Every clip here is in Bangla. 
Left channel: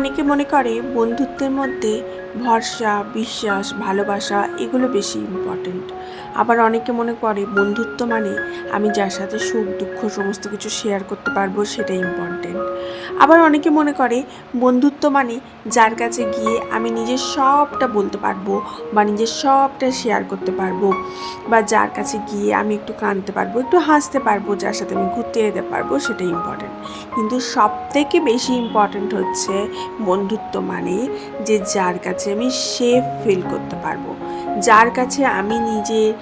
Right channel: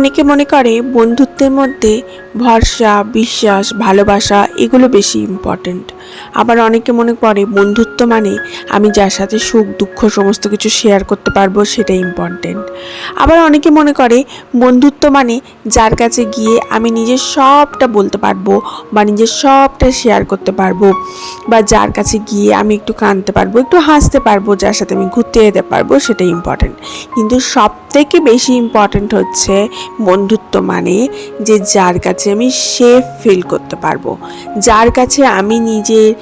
অনেকে মনে করে বন্ধুত্বের মধ্যে ভরসা, বিশ্বাস, ভালোবাসা এগুলো বেশি ইম্পর্ট্যান্ট আবার অনেকে মনে করে বন্ধুত্ব মানে আমি যার সাথে সুখ, দুঃখ সমস্ত কিছু শেয়ার করতে পারব সেটা ইম্পর্ট্যান্ট আবার অনেকে মনে করে বন্ধুত্ব মানে যার কাছে গিয়ে আমি নিজের সবটা বলতে পারব বা নিজের সবটা শেয়ার করতে পারব বা যার কাছে গিয়ে আমি একটু কাঁদতে পারব, একটু হাসতে পারব, যার সাথে আমি ঘুরতে যেতে পারব সেটা ইম্পর্ট্যান্ট কিন্তু সব থেকে বেশি ইম্পর্ট্যান্ট হচ্ছে বন্ধুত্ব মানে যে যার কাছে আমি সেফ ফিল করতে পারব। যার কাছে আমি নিজের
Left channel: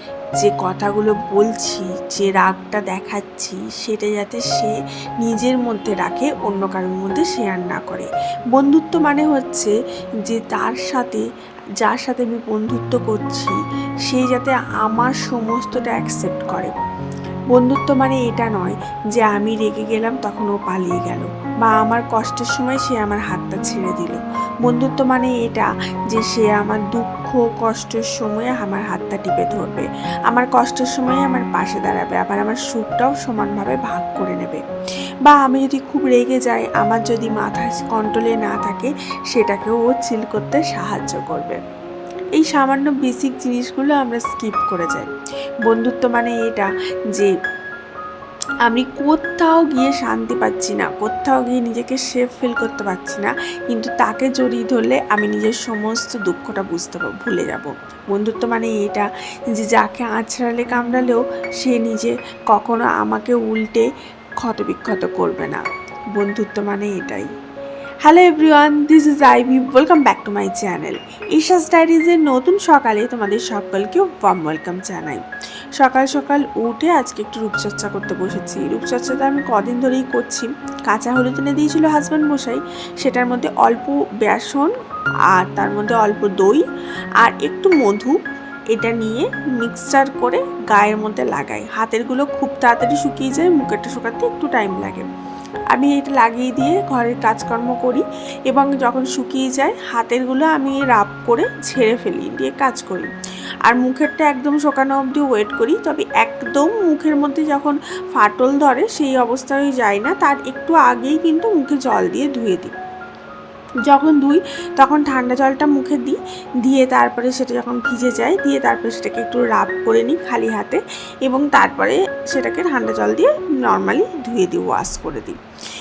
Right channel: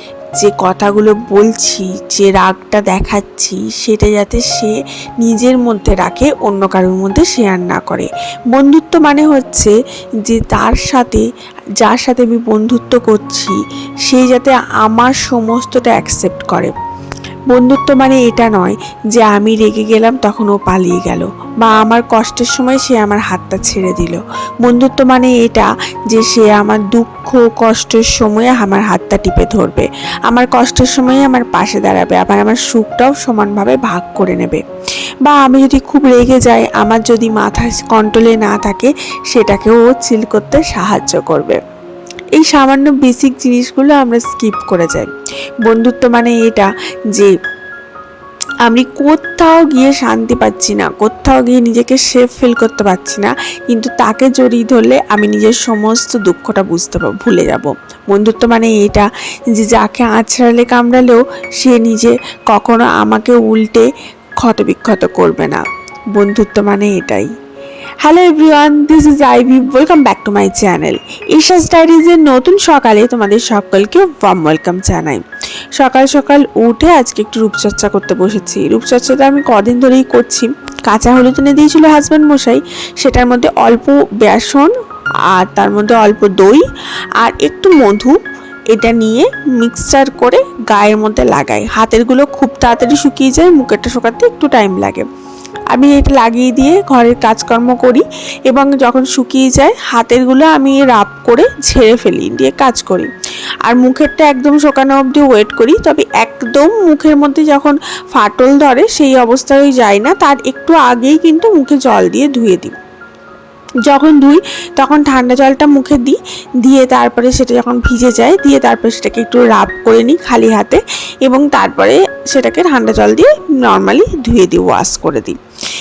যে কথাগুলো বলছি, যে রাগটা দেখাচ্ছি, সেটা যাতে সে নিজের মধ্যে রাখে, অন্য কারোর মধ্যে শেয়ার না করে। বন্ধুত্ব মানে হচ্ছে যে তার সাথে, যার সাথে আমি বন্ধুত্ব করছি, সে যাতে আমার সমস্তটা অ্যাকসেপ্ট করে। বন্ধুত্ব মানে এটা নয় যে আমি রেগে গেলাম তখন ও পালিয়ে গেল, বা আমার কষ্টের সময় সে আমার হাতটা ছেড়ে দিল। বন্ধুত্ব মানে এটা যে সে আমার দুঃখ, কষ্টের সময়ে আমার হাতটা টিপে ধরবে, আমার কষ্টের সময়ে আমার পাশে দাঁড়াবে, আবার আমার সুখটাও সমানভাবে ভাগ করে নেবে। বা আমি যদি খুব রেগে যাই, আমার যদি মাথা কন্ট্রোলে না থাকে, সেটাকেও ও চিল করতে সাহায্য করবে। এই সামান্য বেসিক জিনিসগুলো আমরা স্কিপ করে যাই। বন্ধুত্ব মানে এটা যে আমি কোথাও গিয়ে শান্তি পাচ্ছি না, কোথাও গিয়ে নিজেকে সেফ ফিল করতে পারছি না, কিন্তু তাকে জড়িয়ে ধরলে আমি নিজের সমস্ত দুঃখটা বুঝতে ভুলে যাব। বন্ধুত্ব মানে এটা যে যাকে আছড়ালে কামড়ালেও সে নিজে কখনো আমাকে উল্টে ক্ষতবিক্ষত করবে না। বন্ধুত্ব মানে এটাই। Hello everyone this is Ivy welcome back to my channel Isha's ডায়েরিজের নতুন সকালে তোমাদের সকলকে ওয়ার্ম ওয়েলকাম জানাই। সকাল সকাল উঠে আজকে একটু রূপচর্চা করতে বসেছি। রূপচর্চাটা আমি কদিন ধরেই করছি। কাঁচা হলুদ এনে দিয়েছিল হাজব্যান্ড মশাই। সেটার মধ্যে অল্প বেসন আর তার মধ্যে অল্প দই আর একটু মধু। এটা নিয়ে মিক্সচার করে গায়ের মধ্যে লাগাই। হাতেরগুলো খুব তাড়াতাড়ি শুকিয়ে যায়, মুখেরটা শুকাতে একটু টাইম লাগে। আমি এটা লাগিয়ে দিয়ে ঘরের কাজকর্ম করি এবং যখন শুকিয়ে যায়, হাতেরগুলো আমি রাব করে ঝেড়ে ফেলি, দিয়ে কাজ করি। আর মুখেরটা একদম শোকানো অবধি ওয়েট করি, তবে একদম মুখের মধ্যে যখন ফাটল ধরে সেই অবস্থায় যায় না, তার একটু আগেই কিন্তু মুখে জল দিয়ে ধুয়ে দিই। যখন ধুই, তখন ঠান্ডা জলটা মুখে দিই, দিয়ে তারপরে সেটা যখন ভিজে যায়, দিয়ে তারপরে সেটাকে একটু রাব করে নিই খালি হাতে এবং তারপরে সেটাকে ঠান্ডা জল দিয়ে নর্মালি ধুয়ে দিই ওয়াশ করে দিই।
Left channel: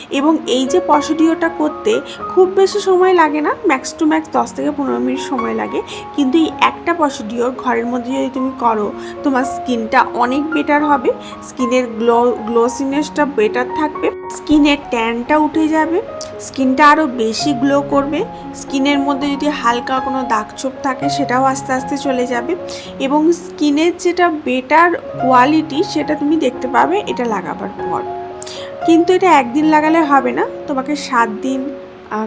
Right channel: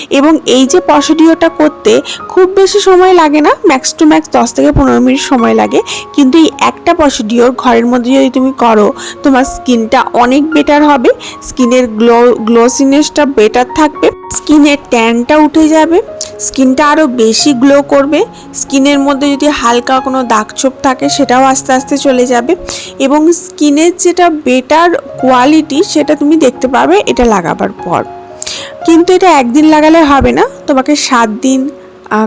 এবং এই যে প্রসিডিওরটা করতে খুব বেশি সময় লাগে না ম্যাক্স টু ম্যাক্স দশ থেকে পনেরো মিনিট সময় লাগে। কিন্তু এই একটা প্রসিডিওর ঘরের মধ্যে যদি তুমি করো, তোমার স্কিনটা অনেক বেটার হবে, স্কিনের গ্লো গ্লোসিনেসটা বেটার থাকবে, স্কিনের ট্যানটা উঠে যাবে। স্কিনটা আরও বেশি গ্লো করবে। স্কিনের মধ্যে যদি হালকা কোনো দাগছোপ থাকে, সেটাও আস্তে আস্তে চলে যাবে। এবং স্কিনের যেটা বেটার কোয়ালিটি সেটা তুমি দেখতে পাবে এটা লাগাবার পর। কিন্তু এটা একদিন লাগালে হবে না। তোমাকে সাত দিন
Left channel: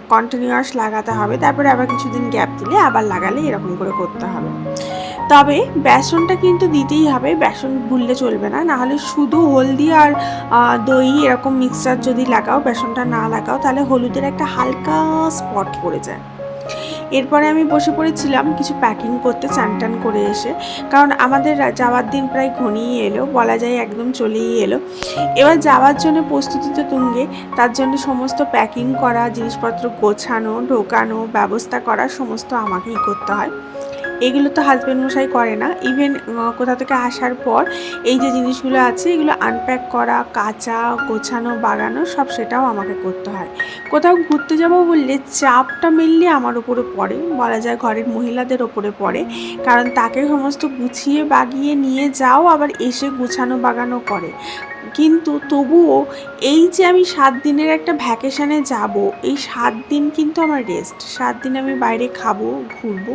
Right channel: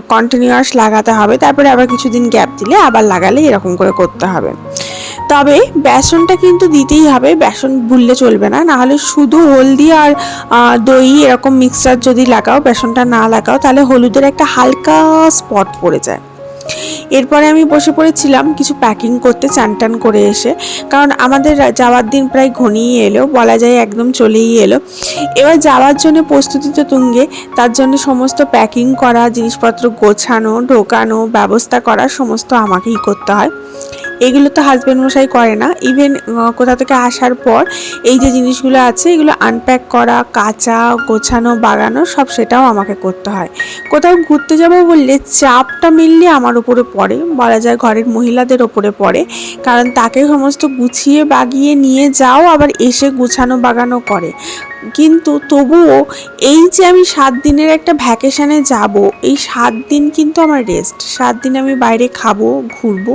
কন্টিনিউয়াস লাগাতে হবে। তারপরে আবার কিছুদিন গ্যাপ দিলে আবার লাগালে এরকম করে করতে হবে। তবে বেসনটা কিন্তু দিতেই হবে। বেসন ভুললে চলবে না। নাহলে শুধু হলদি আর দই এরকম মিক্সচার যদি লাগাও, বেসনটা না লাগাও, তাহলে হলুদের একটা হালকা স্পট পড়ে যায়। এরপরে আমি বসে পড়েছিলাম কিছু প্যাকিং করতে চান টান করে এসে। কারণ আমাদের যাওয়ার দিন প্রায় ঘনিয়ে এলো, বলা যায় একদম চলেই এলো। এবার যাওয়ার জন্য প্রস্তুতি তো তুঙ্গে, তার জন্য সমস্ত প্যাকিং করা, জিনিসপত্র গোছানো, ঢোকানো, ব্যবস্থা করা, সমস্ত আমাকেই করতে হয়। এগুলো তো হাজব্যান্ড মশাই করে না। ইভেন কোথা থেকে আসার পর এই যে জিনিসগুলো আছে, এগুলো আনপ্যাক করা, কাঁচা, গোছানো, বাগানো, সব সেটাও আমাকে করতে হয়। কোথাও ঘুরতে যাব বললে চাপটা মিললে আমার উপরে পড়ে, বলা যায় ঘরের মহিলাদের ওপরে পড়ে। কারণ তাকে সমস্ত গুছিয়ে বাগিয়ে নিয়ে যাও, আবার এসে গুছানো বাগানো করে। কিন্তু তবুও এই যে আমি সাত দিনের একটা ভ্যাকেশানে যাব, এই সাত দিন কিন্তু আমার রেস্ট সাত দিন আমি বাইরে খাব, ঘুরবো,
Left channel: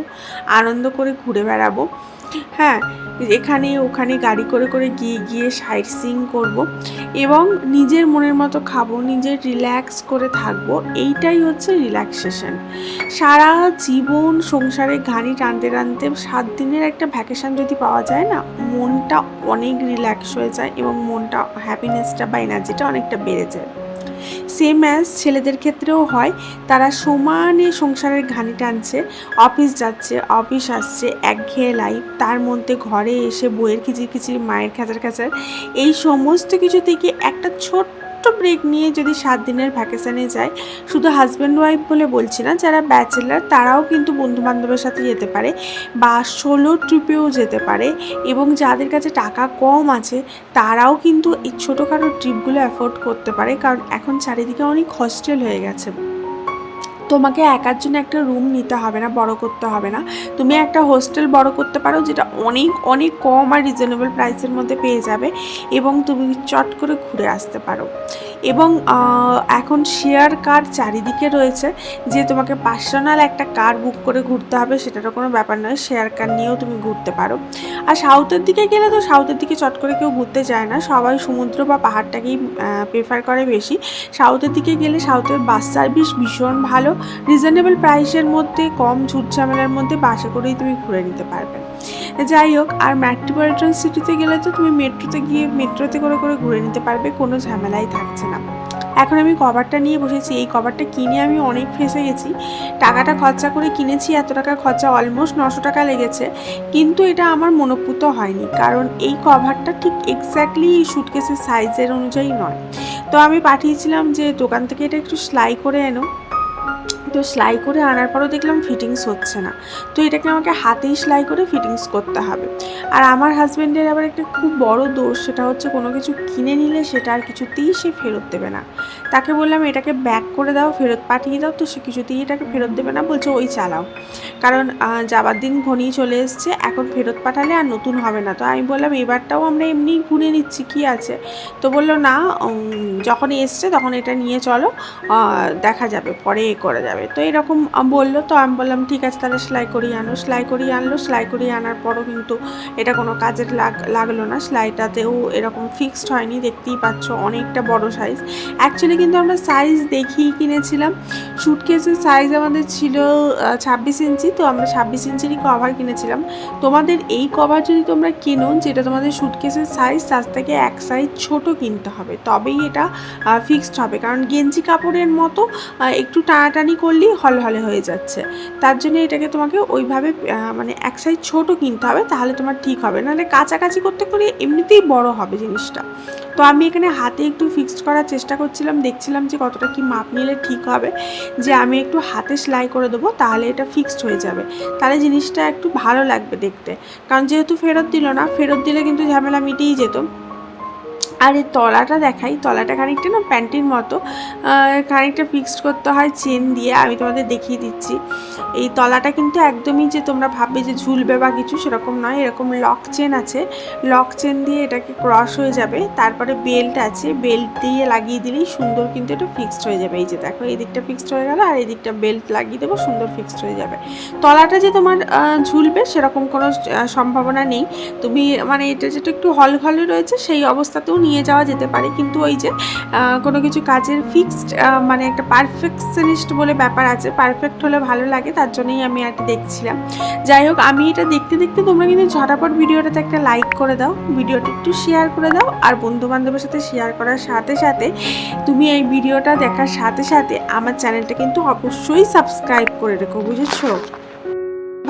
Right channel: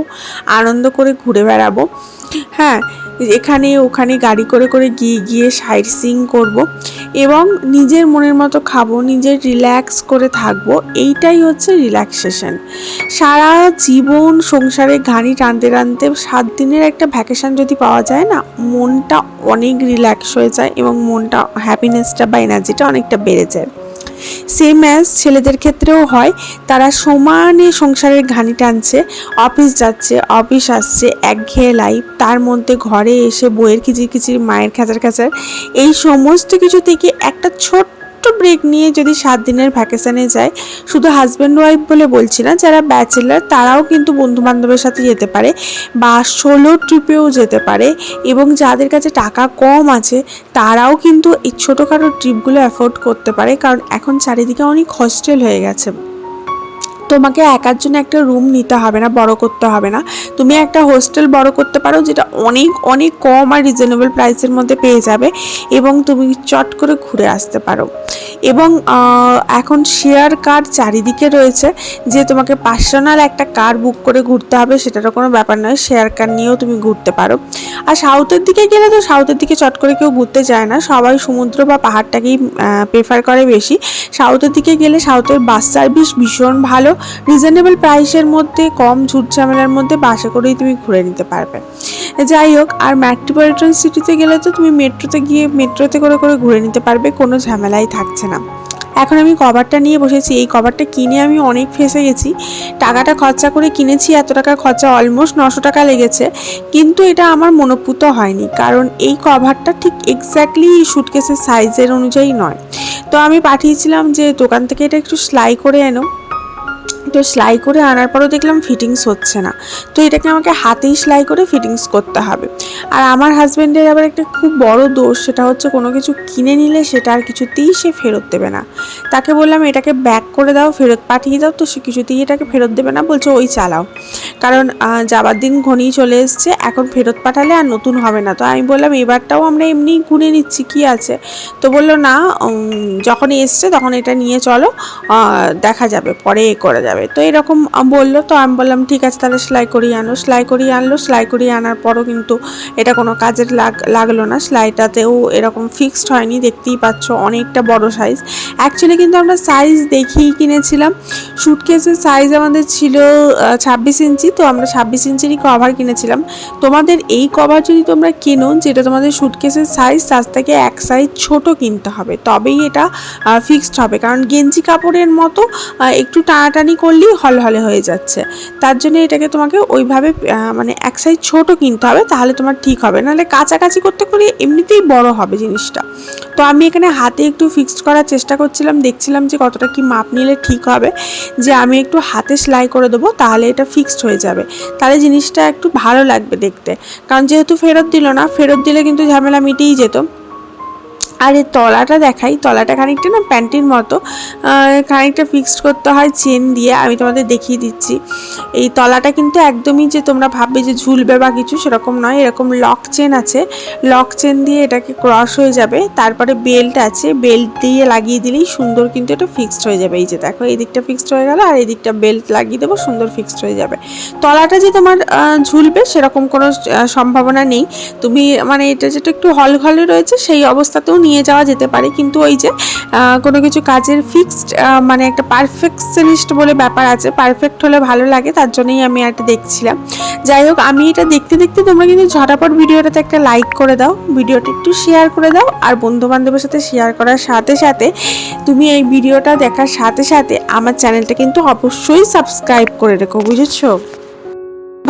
আনন্দ করে ঘুরে বেড়াবো। হ্যাঁ এখানে ওখানে গাড়ি করে করে গিয়ে গিয়ে সাইট সিং করব এবং নিজের মনের মতো খাব, নিজের রিল্যাক্স করে থাকব, এইটাই হচ্ছে রিল্যাক্সেশন সারা জীবন সংসারে ঘানি টানতে টানতে সাত দিনের একটা ভ্যাকেশান যদি পাওয়া যায় না, মনটা অনেক রিল্যাক্স হয়ে যায় এবং মনটা হ্যাপিনেসটা বা এনার্জিটা অনেকটা বেড়ে যায়। সেম অ্যাজ ছেলেদের ক্ষেত্রেও হয়, তারা সমানে সংসারের ঘানি টানছে অফিস যাচ্ছে অফিস আসছে, একঘেয়ে লাইফ তার মধ্যে ঘরে এসে বইয়ের কিচির কিচির মায়ের খেচার খেচার, এই সমস্ত কিছু থেকে একটা ছোট্ট ব্রেক নিয়ে যদি সাত দিনের ভ্যাকেশানে যায়, শুধু হাজব্যান্ড ওয়াইফ বলে বলছি না, যারা ব্যাচেলার তারাও কিন্তু বন্ধু বান্ধবের সাথে যেতে পারে বা সোলো ট্রিপেও যেতে পারে এবং যাদের কাছে টাকা কম আছে, তারাও কিন্তু এই ছোটোখাটো ট্রিপগুলো অ্যাফোর্ড করতে পারে। কারণ এখন চারিদিকে অনেক হস্টেল হয়ে গেছে। তোমাকে একার জন্য একটা রুম নিতে হবে না, বড় করতে হবে না। তুমি একটা হোস্টেল বড় করতে পারো, যেটা অনেক অনেক কম আর রিজনেবল প্রাইসের মধ্যে পেয়ে যাবে এবং তুমি চট করে ঘুরে আসতে পারো। এবং এখন শেয়ার কার চারিদিকে রয়েছে, যে তোমাকে পার্সোনাল একটা কার বুক করে ঘুরতে হবে, সেটারও কোনো ব্যাপার নয় শেয়ার কার নিয়েও তুমি ঘুরতে পারো। আর সাউথের দিকে গেলে তো সাউথের দিকে চট করে কেউ ঘুরতে যায় না, সবাই সমুদ্র বা পাহাড়টাকেই প্রেফার করে বেশি। সাউথের দিকে গেলে সাউথের বাস সার্ভিস ভীষণ ভালো রিজনেবল প্রাইসের মধ্যে, কম ঝুট ঝামেলার মধ্যে বাসে করেই তুমি ঘুরে নিতে পারবে। যাই হোক, আর মেট্রোপলিটন সিটিতে গেলে তো তুমি মেট্রোতে গিয়ে মেট্রোতে করে করে ঘুরে নিতে পারবে, কোনো ঝামেলাই থাকছে না। এখন আমি কভারটা নিয়ে বসেছি, এই কভারটা কিনে আমি অনেক ফেসে গেছি। টাকাটা খরচা করে কিনেছি, এত টাকা খরচা অলমোস্ট নশো টাকা লেগেছে। কিন্তু এটা আমার মনোপুত হয়নি, কারণ এই কভারটা ঠিক এক্স্যাক্টলি সুটকেসের সাইজের অনুযায়ী নয়। তো আমি পাঠিয়েছিলাম যে দোকান থেকে এটা একটু সেলাই করে এনো। তো সেলাই করে আনার পরও দেখলাম ফিটিংস হচ্ছে না। তো এটাকে আমাকে হাতেই সেলাই করে ফিটিংস করতে হবে। আর আমার হাজব্যান্ডের আবার একটা খুব বড় দোষ, সেটা হচ্ছে কোনো কিছু কিনে নিলে সেটা আর কিছুতেই সে ফেরত দেবে না। তাকে বললাম, এটাকে ব্যাক করে দাও, ফেরত পাঠিয়ে দাও। তো সে কিছুতেই এটাকে ফেরত দেবে না, বলছে, ওই চালাও। কারণ যাবার দিন ঘনিয়ে চলে এসছে, এখন ফেরত পাঠালে আর নতুন হবে না। তো আমি বললাম, এবারটাও আমরা এমনি ঘুরে নিচ্ছি, কি আছে? তো বলল, না যখন এসছে তখন এটা নিয়ে চলো দেখা যাবে, পরে এ করা যাবে। তো এরকম বলল, তো আমি বললাম, ঠিক আছে, তাহলে সেলাই করিয়ে আনো। সেলাই করিয়ে আনলো, সেলাই করিয়ে আনার পরও কিন্তু এটা কোনো কাজের লাগ, লাগল না। সেলাইটাতেও এরকম ফিক্সড হয়নি, দেখতেই পাচ্ছ অনেকটা বড় সাইজ অ্যাকচুয়ালি কিন্তু আমরা সাইজ দেখেই কিনেছিলাম। সুটকেসের সাইজ আমাদের ছিল ছাব্বিশ ইঞ্চি, তো আমরা ছাব্বিশ ইঞ্চিরই কভার কিনেছিলাম। তোমাদের এই কভার যদি তোমরা কিনো, যেটা তোমাদের সুটকেসের সাইজ তার থেকে এক সাইজ ছোট কিনতে হবে। তবেই এটা ফিক্সড হবে। কারণ গেঞ্জি কাপড়ের মতো একটু টানাটানি করলেই হলহলে হয়ে যাচ্ছে। তার জন্য এটাকে তোমাকে ওইভাবে মানে এক সাইজ ছোট কিনতে হবে, তাহলে তোমার ঠিক হবে। নাহলে কাছাকাছি করতে করে এমনিতেই বড় হবে জিনিসটা। তো আমি এখানে হাতে একটু ফিক্সড করার চেষ্টা করছিলাম, দেখছিলাম যে কতটা কি মাপ নিলে ঠিক হবে। যে আমি একটু হাতে সেলাই করে দেবো, তাহলে এটা ফিক্সড হয়ে যাবে। তাহলে জিনিসটা একটু ভালো লাগবে দেখতে। কারণ যেহেতু ফেরত দিল না, ফেরত দিলে কিন্তু ঝামেলা মিটেই যেত। আর এই তলাটা দেখাই, তলাটা খানিকটা না প্যান্টির মতো খানিকটা ফিক্সড করতে হয় চেন দিয়ে, আমি তোমাদের দেখিয়ে দিচ্ছি। এই তলাটা কিন্তু একদমই যে তোমরা ভাববে যে ঝুলবে বা কিছু সেরকম নয়, এরকম লক চেন আছে। লক চেন দিয়ে এটাকে ক্রস হয়ে যাবে, তারপরে বেল্ট আছে বেল্ট দিয়ে লাগিয়ে দিলেই সুন্দর কিন্তু এটা ফিক্সড হয়ে যাবে। এই যে দেখো, এই দিকটা ফিক্সড হয়ে গেল আর এই দিকটা বেল্ট লাগিয়ে দেবো, সুন্দর ফিক্সড হয়ে যাবে। তলাটা যে তোমার ঝুলবে সেরকম কোনো সম্ভাবনা নেই। তুমি মানে এটা যেটা একটু হল ঘলে রয়েছে, সেই অবস্থাতেও নিয়ে যাওয়া যেতে পারে। কিন্তু ওই যে কোনো কিছু কাজের ফিক্সড মানে একটা পারফেকশনিস্ট বলে ব্যাপার আছে। পারফেক্ট হলে ভালো লাগে, তার জন্যই আমি একটা দেখছিলাম। যাই হোক, আমি এটা দেখতে দেখতে তোমরা কিন্তু ঝটাপট ভিডিওটাতে একটা লাইক করে দাও, ভিডিওটা একটু শেয়ার করে দাও, আর বন্ধু বান্ধবের সাথে শেয়ার করার সাথে সাথে তুমি এই ভিডিওটা দেখার সাথে সাথে আমার চ্যানেলটা কিন্তু অবশ্যই সাবস্ক্রাইব করে রেখো, বুঝেছ?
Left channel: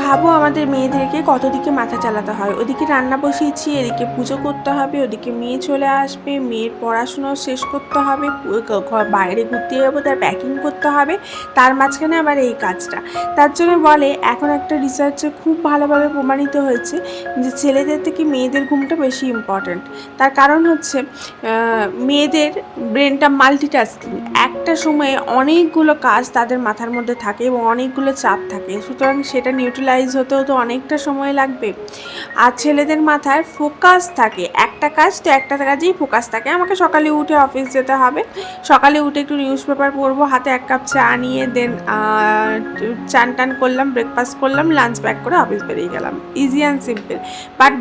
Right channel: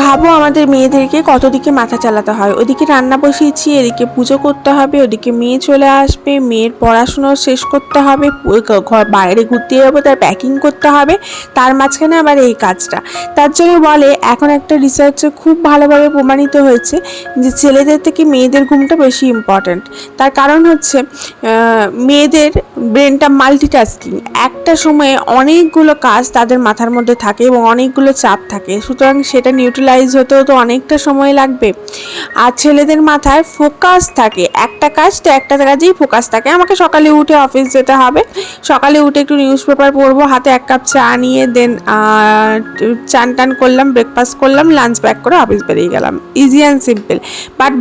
ভাবো আমাদের মেয়েদেরকে কত দিকে মাথা চালাতে হয়। ওদিকে রান্না বসিয়েছি, এদিকে পুজো করতে হবে, ওদিকে মেয়ে চলে আসবে, মেয়ের পড়াশুনো শেষ করতে হবে ঘর বাইরে ঘুরতে যাব, তার প্যাকিং করতে হবে, তার মাঝখানে আবার এই কাজটা। তার জন্য বলে, এখন একটা রিসার্চে খুব ভালোভাবে প্রমাণিত হয়েছে যে ছেলেদের থেকে মেয়েদের ঘুমটা বেশি ইম্পর্ট্যান্ট তার কারণ হচ্ছে মেয়েদের ব্রেনটা মাল্টিটাস্কিং একটা সময়ে অনেকগুলো কাজ তাদের মাথার মধ্যে থাকে এবং অনেকগুলো চাপ থাকে। সুতরাং সেটা নিউট্রালাইজ হতেও তো অনেকটা সময় লাগবে। আর ছেলেদের মাথায় ফোকাস থাকে। একটা কাজ তো একটা কাজেই ফোকাস থাকে। আমাকে সকালে উঠে অফিস যেতে হবে। সকালে উঠে একটু নিউজ পেপার পড়ব, হাতে এক কাপ চা নিয়ে দেন চান টান করলাম ব্রেকফাস্ট করলাম লাঞ্চ ব্যাক করে অফিস বেরিয়ে গেলাম। ইজি অ্যান্ড সিম্পল বাট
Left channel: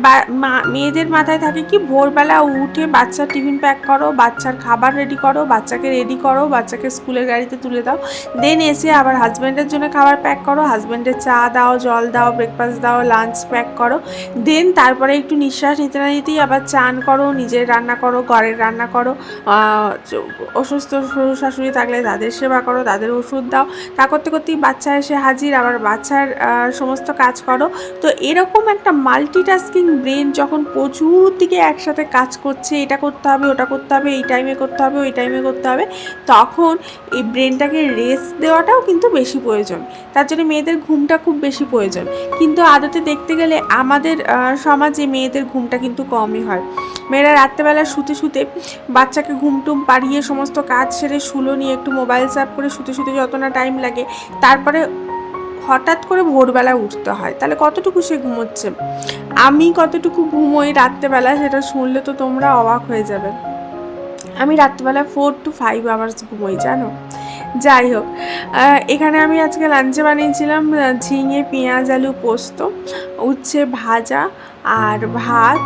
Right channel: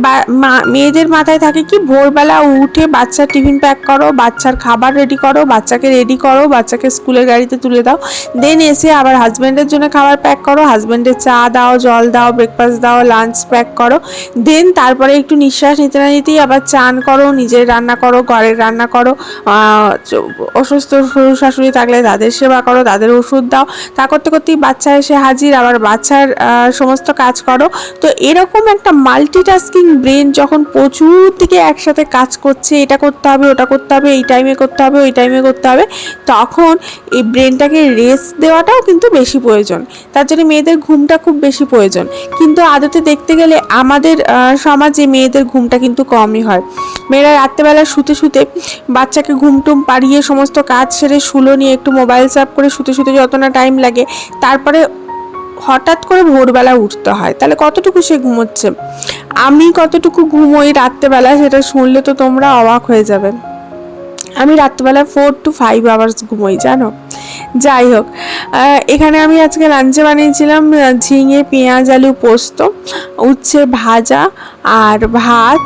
মেয়েদের মাথায় থাকে কি, ভোরবেলা উঠে বাচ্চার টিফিন প্যাক করো, বাচ্চার খাবার রেডি করো, বাচ্চাকে রেডি করো, বাচ্চাকে স্কুলের গাড়িতে তুলে দাও। দেন এসে আবার হাজব্যান্ডের জন্য খাবার প্যাক করো হাজব্যান্ডের চা দাও, জল জল দাও ব্রেকফাস্ট দাও লাঞ্চ প্যাক করো। দেন তারপরে একটু নিঃশ্বাস নিতে না নিতেই আবার চান করো, নিজের রান্না করো, ঘরের রান্না করো। অসুস্থ শ্বশুর শাশুড়ি থাকলে তাদের সেবা করো, তাদের ওষুধ দাও। তা করতে করতেই বাচ্চা এসে হাজির, আবার বাচ্চার সমস্ত কাজ করো। তো এরকম একটা মাল্টিটাস্কিং ব্রেন যখন প্রচুর দিকে একসাথে কাজ করছে, এটা করতে হবে, ওটা করতে হবে, এই টাইমে করতে হবে, ওই টাইমে করতে হবে, তখন এই ব্রেনটাকে রেস্ট দেওয়াটাও কিন্তু বেশি প্রয়োজন। তার জন্য মেয়েদের ঘুমটা খুব বেশি প্রয়োজন। কিন্তু আদতে দেখতে গেলে আমাদের সমাজে মেয়েদের ঘুমটা কিন্তু কমই হয়। মেয়েরা রাত্রেবেলা শুতে শুতে বাচ্চাকে ঘুম টুম পাড়িয়ে সমস্ত কাজ সেরে শুলো নিয়ে একটু মোবাইল সাফ করে শুতে শুতে যত না টাইম লাগে, তারপরে হঠাৎ করে ভোরবেলা উঠতে হয়। তাহলে কতটুকু সে ঘুমোচ্ছে? আমি কতটুকু ঘুমোই রাত্রেবেলা সেটা শুনলে তো তোমরা অবাক হয়ে যাবে। আমি রাত্রেবেলা ফোর টু ফাইভ আওয়ার্স ঘুমোই, জানো? যাই হোক এখানে আমি আজকে লাঞ্চে বানিয়েছিলাম ঝিঙে, পেঁয়াজ, আলু পোস্ত, উচ্ছে ভাজা আর ভাত।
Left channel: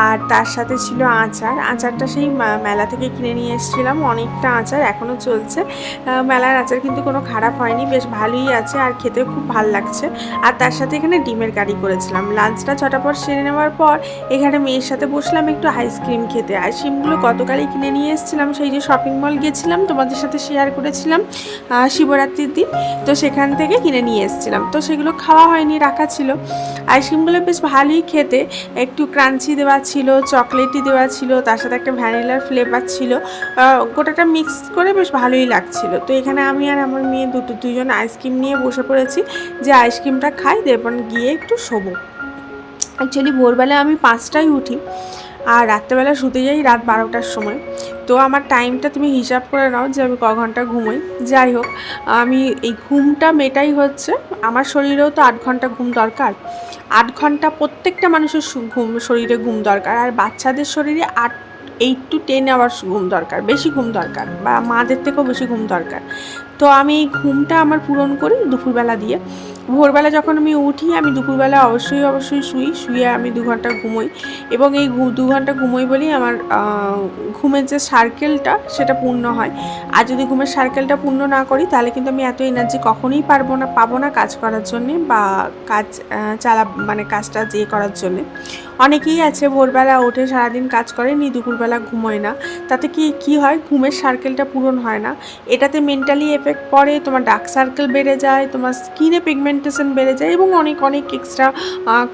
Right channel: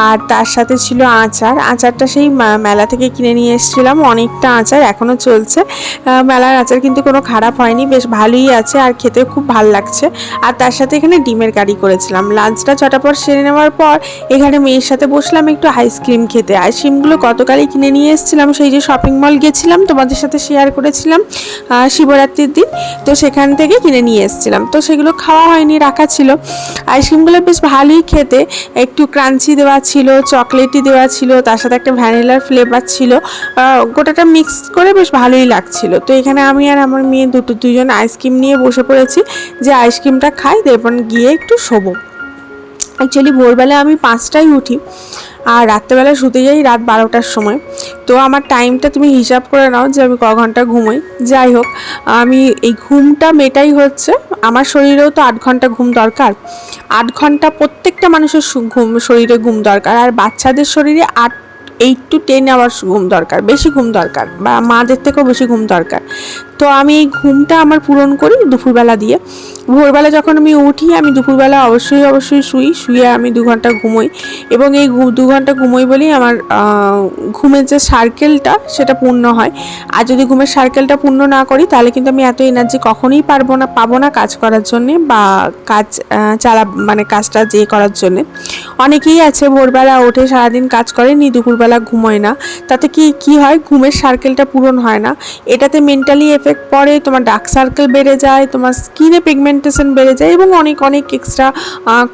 আর তার সাথে ছিল আচার। আচারটা সেই মেলা থেকে কিনে নিয়ে এসেছিলাম। অনেকটা আচার এখনও চলছে। মেলার আচার কিন্তু কোনো খারাপ হয়নি। বেশ ভালোই আছে আর খেতে খুব ভালো লাগছে। আর তার সাথে এখানে ডিমের কারি করেছিলাম। লাঞ্চটা ছটা পর সেরে নেওয়ার পর এখানে মেয়ের সাথে বসলাম একটু আইসক্রিম খেতে। আইসক্রিমগুলো গতকালই কিনে নিয়ে এসেছিলাম। সেই যে শপিং মল গেছিলাম, তোমাদের সাথে শেয়ার করেছিলাম শিবরাত্রির দিন। তো সেখান থেকে কিনে নিয়ে এসেছিলাম। তো সেগুলো খাওয়া হয়নি, রাখা ছিল। আইসক্রিমগুলো বেশ ভালোই খেতে। একটু ক্রাঞ্চি দেওয়া ছিল চকলেটি দেওয়া ছিল, তার সাথে একটা ভ্যানিলার ফ্লেভার ছিল। গোটাটা মিক্স করে বেশ ভালোই লাগছিল। তো এখানে আমি আর আমার মেয়ে দুটো, দুজন আইসক্রিম নিয়ে বসে পড়েছি। যে আইসক্রিমটা খাই দেবন গিয়ে একটু শোবো। অ্যাকচুয়ালি ভোরবেলা আমি পাঁচটায় উঠি আর রাত্রেবেলা শুতে যাই রাত বারোটার সময়। তো আমার টাইমটা তুমি হিসাব করে নাও যে আমি ক ঘণ্টা ঘুমোই। যাই হোক, আমি এই ঘুমটা মেটাই হচ্ছে। আমার শরীরেও তো আট ঘণ্টা ঘুম দরকার। আট ঘণ্টা প্রত্যেকটা মানুষের ঘুম, শরীরে ঘুম দরকার। আর বাচ্চাদের শরীরে আট এইট টু টেন আওয়ার্স ঘুম দরকার, বেশি ঘুম দরকার বা মাদের থেকেও বেশি ঘুম দরকার। তো আমি এই ঘুমটা আমার পূরণ করি দুপুরবেলা দিয়ে। ভোরবেলা যখন আমি উঠি, আমি দুপুরবেলা অবশ্যই অবশ্যই শুই, শুয়ে আমি দু ঘণ্টা ঘুমোই। এবং এই দু ঘণ্টা ঘুমোই বলেই আমার ঘুমের যে সার্কেলটা সেটা পূর্ণ হয়। আর যদি ঘুমের সার্কেলটা পূর্ণ না করি, তাহলে কিন্তু আমি এত এনার্জি কখনোই পারব না, পাবো না কাজ করার জন্যে বা কাজ চালা মানে কাজটা যে করার জন্যে। অনেকেই আছে ভোরবেলা ওঠে সারাদিন কাজ করে নি দুপুরবেলা ঘুমোয় না। তাতে কি কি হয়? ঘুমের সার্কেলটা পূরণ হয় না। এটাতে মেন্টালি এফেক্ট পড়ে, তোমার ডার্ক সার্কেল বেড়ে যায়, তোমার স্কিনে পিগমেন্টেশন বেড়ে যায় এবং অনেক অনেক এক্সট্রা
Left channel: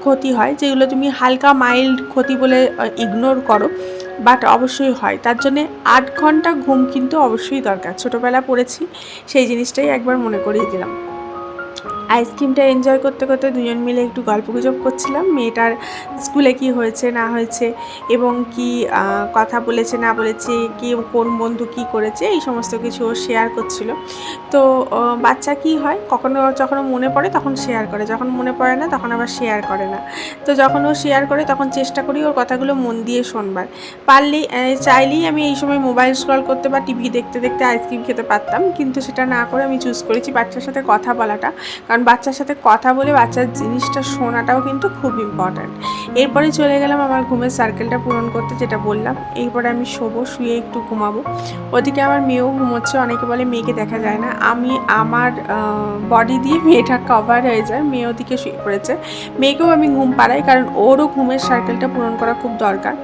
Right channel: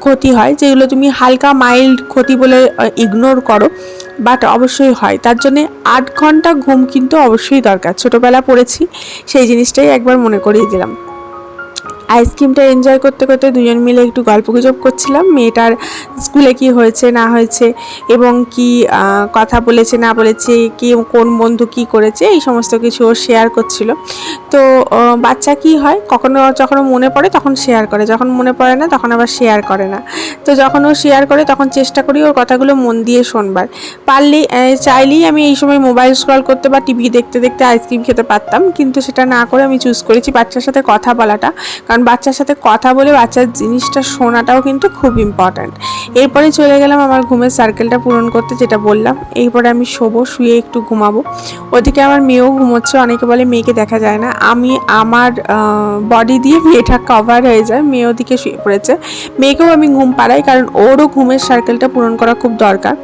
ক্ষতি হয়, যেগুলো তুমি হালকা মাইল্ড ক্ষতি বলে ইগনোর করো বাট অবশ্যই হয়। তার জন্যে আট ঘণ্টা ঘুম কিন্তু অবশ্যই দরকার। ছোটোবেলা পড়েছি, সেই জিনিসটাই একবার মনে করিয়ে দিলাম। আইসক্রিমটা এনজয় করতে করতে দুজন মিলে একটু গল্প গুজব করছিলাম। মেয়েটার স্কুলে কি হয়েছে, না হয়েছে এবং কি কথা বলেছে, না বলেছে, কি, কোন বন্ধু কি করেছে, এই সমস্ত কিছু ও শেয়ার করছিল। তো বাচ্চা কি হয়, কখনো যখন মনে পড়ে তখন শেয়ার করে, যখন মনে পড়ে না তখন আবার শেয়ার করে না। তো যখন ও শেয়ার করে তখন চেষ্টা করি ওর কথাগুলো মন দিয়ে শোনবার। পারলে চাইলেই আমি এই সময় মোবাইল স্ক্রল করতে বা টিভি দেখতে দেখতে আইসক্রিম খেতে পারতাম, কিন্তু সেটা না করে আমি চুজ করেছি বাচ্চার সাথে কথা বলাটা। কারণ বাচ্চার সাথে কথা বলে বাচ্চার জিনিসটা শোনাটাও কিন্তু খুব ইম্পর্ট্যান্ট এরপরে চলে গেলাম আমার ঘুমের সার্কেলটা পূরণ করতে, যেটা বললাম। এরপরে আমি শোবো, শুয়ে একটু ঘুমাবো। ওদিকে আমার মেয়েও ঘুমোচ্ছে, অনেকে বলে মেয়েকে দেখা যায় না। আমি আমার বডি দিয়ে মেয়েটা কভার হয়ে যায়, মেয়ে ওদিকে শুয়ে পড়েছে। মেয়েকেও আমি ঘুম পাড়াই, কারণ ওরও ঘুমের সার্কেলটা পূরণ করা খুব দরকার।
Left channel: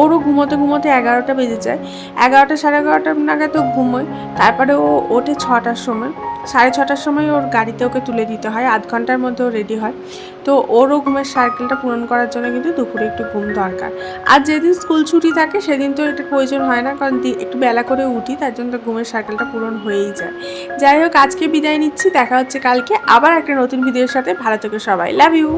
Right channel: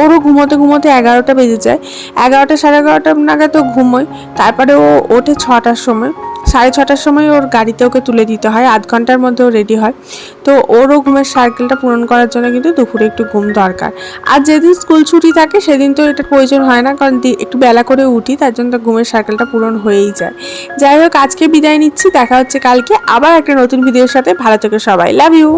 ওরও ঘুমোতে ঘুমোতে এগারোটা বেজে যায়। এগারোটা, সাড়ে এগারোটা নাগাদ তো ঘুমোয়। তারপরে ও ওঠে ছটার সময়। সাড়ে ছটার সময় ওর গাড়িতে ওকে তুলে দিতে হয়, আধ ঘণ্টার মধ্যে ও রেডি হয়। তো ওরও ঘুমের সার্কেলটা পূরণ করার জন্য কিন্তু দুপুরে একটু ঘুম দরকার। আর যেদিন স্কুল ছুটি থাকে, সেদিন তো এটা প্রয়োজন হয় না, কারণ একটু বেলা করে উঠি, তার জন্য তো ঘুমের সার্কেলটা পূরণ হয়েই যায়। যাই হোক, আজকে বিদায় নিচ্ছি, দেখা হচ্ছে কালকে আবার একটা নতুন ভিডিওর সাথে। ভালো থেকে সবাই লাভ ইউ